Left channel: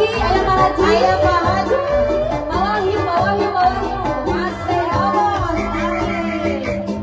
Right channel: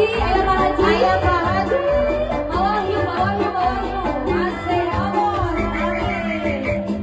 Ayo Pak Haji. Ayo Pak Haji. Bawah yuk, bawah yuk, bawah yuk. Asik, awas, asik.